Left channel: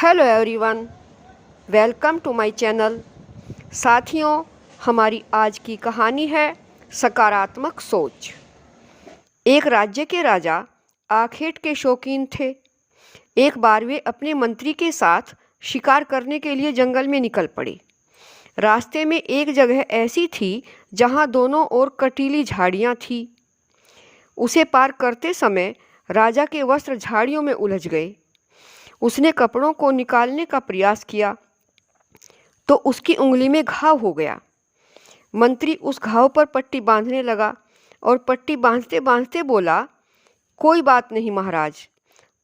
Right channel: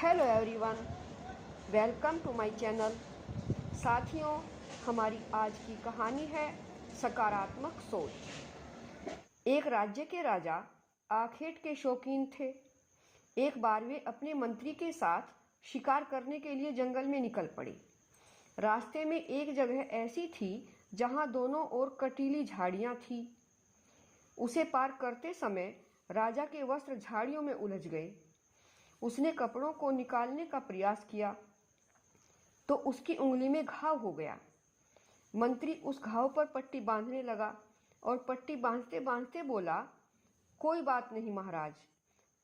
Hello everyone, welcome to my channel. साथियों, हमारी आज की कहानी है सकारात्मक सोच। एक राज्य के राजा आखेट के शौकीन थे। एक बार वे अपने मंत्री के साथ शिकार करने के लिए जंगल में निकल पड़े। रास्ते में एक जगह ऐसी थी जहां दोनों ओर कटीली झाड़ियां थीं। उसे पार करते समय राजा के वस्त्र झाड़ियों में उलझ गए। उसने कपड़ों को निकालने का प्रयास किया तो उसकी उंगली में घाव हो गया। मंत्री उस घाव पर पट्टी बांधने लगा और पट्टी बांधते बांधते बोला, कोई बात नहीं महाराज,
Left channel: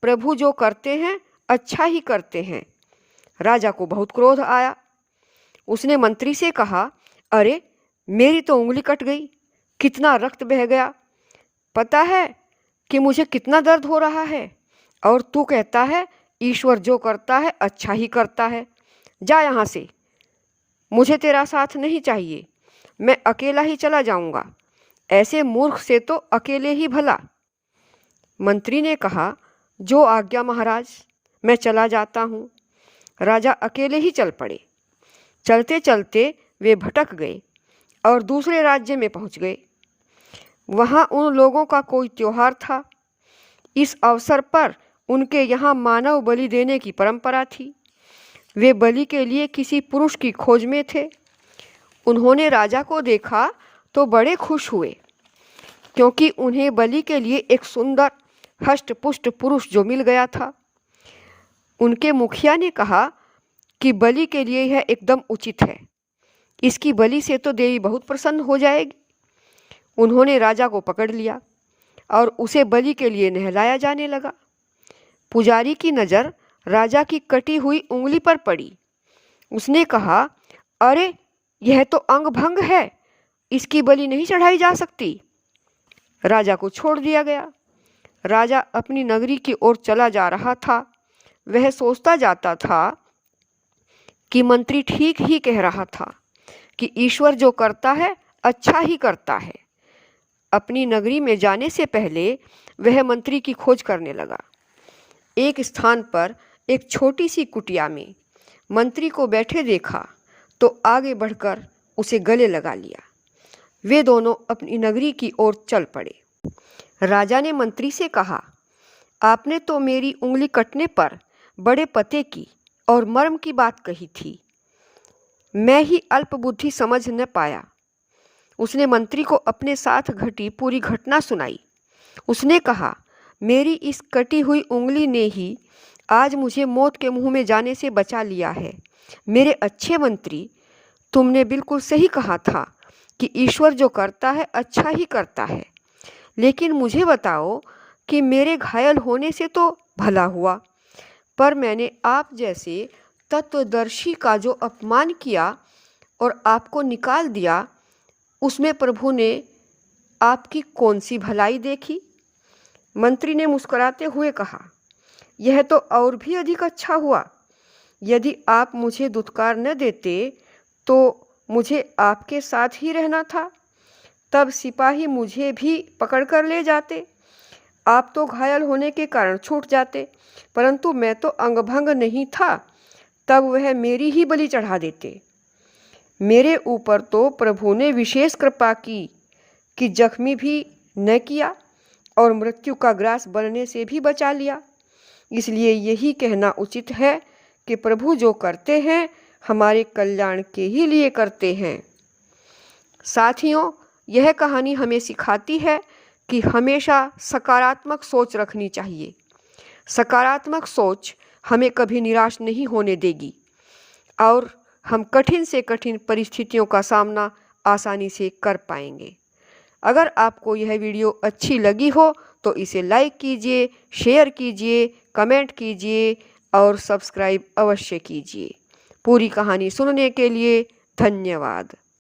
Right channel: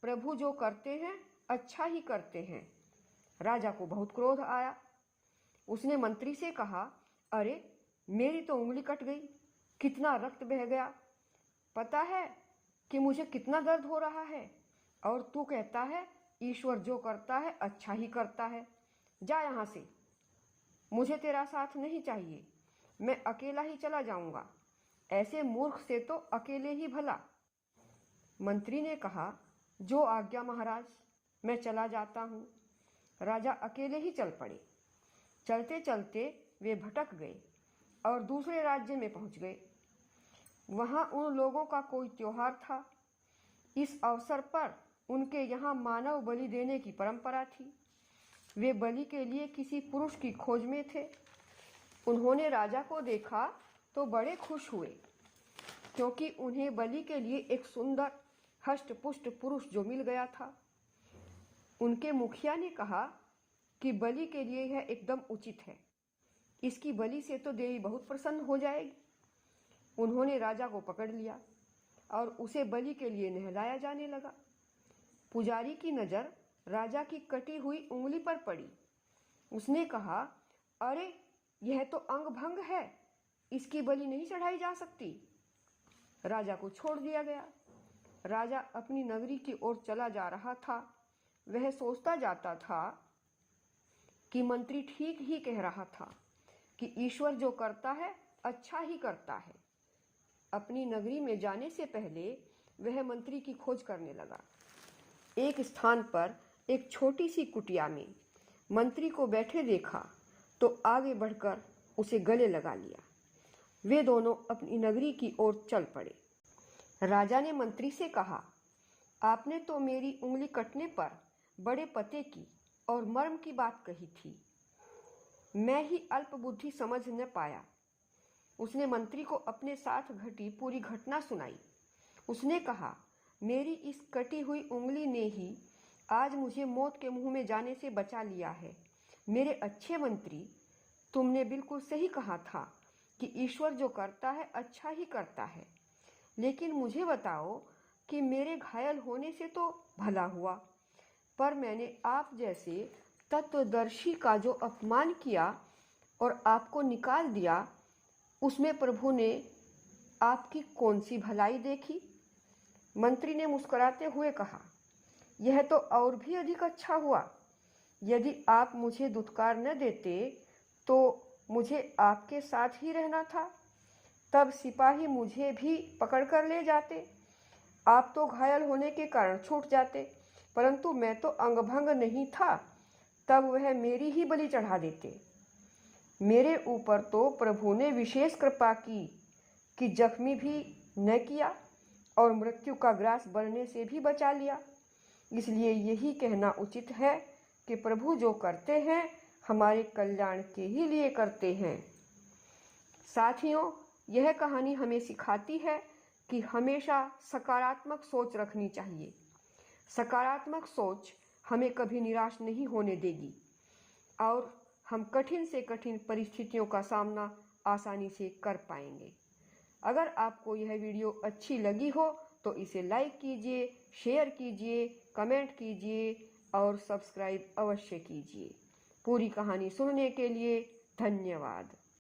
प्रभु जो करते हैं अच्छा ही करते हैं। राजा को बहुत क्रोध आया। उसने मंत्री से कहा, अरे मेरी तो उंगली कट गई, कितना रक्त बह गया। पता है कि मुझे कितना दर्द हो रहा है, और तू कहता है ईश्वर जो करता है अच्छा ही करता है। जा यहाँ से, मुझे तेरा साथ नहीं चाहिए, मैं अकेला ही चला जाऊंगा। ऐसे मूर्ख से तो अकेले ही भला। मंत्री ने कहा, जो आज्ञा महाराज, मैं चला जाता हूँ। राजा अकेले ही चल पड़े। चलते चलते वे भटक गए और दूसरे राज्य में पहुँच गए। वहाँ उन लोगों का कोई त्योहार था। इस अवसर पर उनके यहाँ मानव बलि देने की परंपरा थी। वे बलि के लिए किसी पुरुष की खोज में थे। उन्होंने राजा को देखा तो बड़े खुश हुए, क्योंकि उन्हें बलि के लिए एक सुंदर हष्ट-पुष्ट पुरुष जो मिल गया था। उनके मुखिया ने कहा कि बलि के लिए यह एकदम उचित है, इसकी बलि से तो देवी बहुत प्रसन्न हो जाएगी। उन्होंने राजा को पकड़ लिया और उसे बलि के लिए नहलाया जाने लगा। पुजारी की नज़र राजा की कटी हुई उंगली पर पड़ी। उसने कहा, अरे यह तो अंग भंग है, इसकी बलि नहीं चढ़ाई जा सकती। राजा को छोड़ दिया गया। राजा अपनी नगरी की ओर चला जा रहा था। वह सोचता जाता था कि मंत्री ठीक ही कह रहा था कि ईश्वर जो करता है अच्छा ही करता है। अपनी नगरी में जाने से पहले वह मंत्री की खोज करने लगा। एक स्थान पर एक छोटी सी कुटिया में मंत्री को बैठे देखा तो आगे बढ़कर उसे गले लगा लिया। वे दोनों अपनी नगरी की ओर चल पड़े। राजा ने मंत्री से कहा, आपने तो मेरी उंगली कटने पर बड़े पते की और मर्म की बात कही थी, मैं ही अल्पबुद्धि समझ न पाया। उसने मंत्री को अपने साथ घटी पूरी घटना सुनाई। उसने कहा, मेरी इस कटी हुई उंगली ने ही आज मुझे मौत के मुंह में जाने से बचा लिया है। मेरे अच्छे मंत्री, तुमने बिल्कुल सही कहा था कि ईश्वर जो करता है अच्छा ही करता है। लेकिन मुझे बताओ कि मेरे घायल होने से तो भला हुआ, पर मैंने आप जैसे तत्वदर्शी का जो अपमान किया और आपको निकाल दिया, उसमें प्रभु ने आपकी कौन सी भलाई देखी? मंत्री ने मुस्कुराते हुए कहा, यह तो और भी अधिक अच्छा हुआ। यदि आप मुझे दुत्कार न देते तो मुझे आपके साथ ही रहना था। तब सिपाही मुझे भी पकड़ कर ले जाते। आप तो घायल होने के कारण छूट जाते, परंतु मैं तो अंगभंग नहीं था, तब वह मेरी ही बलि चढ़ा देते। मेरे ऊपर तो प्रभु ने विशेष कृपा की कि जख्मी भी न किया और मृत्यु का ग्रास बनने से भी बचा लिया। इसलिए यही कहना उचित है कि प्रभु जो करते हैं हमारे कल्याण के ही लिए करते हैं। साथियों, यह कहानी हमें सिखाती है कि हमेशा सकारात्मक सोच रखनी चाहिए। सकारात्मक सोच हमें कभी निराश नहीं होने देगी और हम कठिन से कठिन परिस्थितियों का सामना आसानी से कर पाएंगे। अगर आपको यह वीडियो अच्छी लगी हो तो इसे लाइक कीजिए, शेयर कीजिए, कमेंट कीजिए और सब्सक्राइब अवश्य कीजिए। पूरी कहानी सुनने के लिए धन्यवाद।